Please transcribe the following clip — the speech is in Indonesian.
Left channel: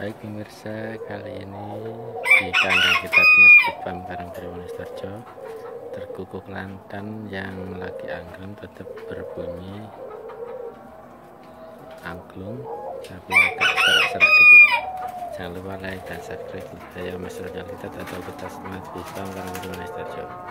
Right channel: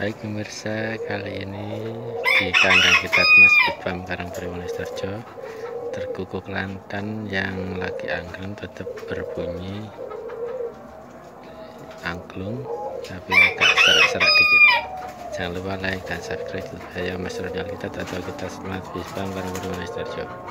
Baik pemirsa, kali ini di kandang Kitat Mas Bird Farm Karangturi Wonosobo, Derkuku Klantan yang lagi angklung tetap berbunyi angklung tapi agak serak-serak dikit. Jangan lupa like dan subscribe. Saya Mas Bird Kitat atau Kitat Mas Bird Farm Karangturi Wonosobo.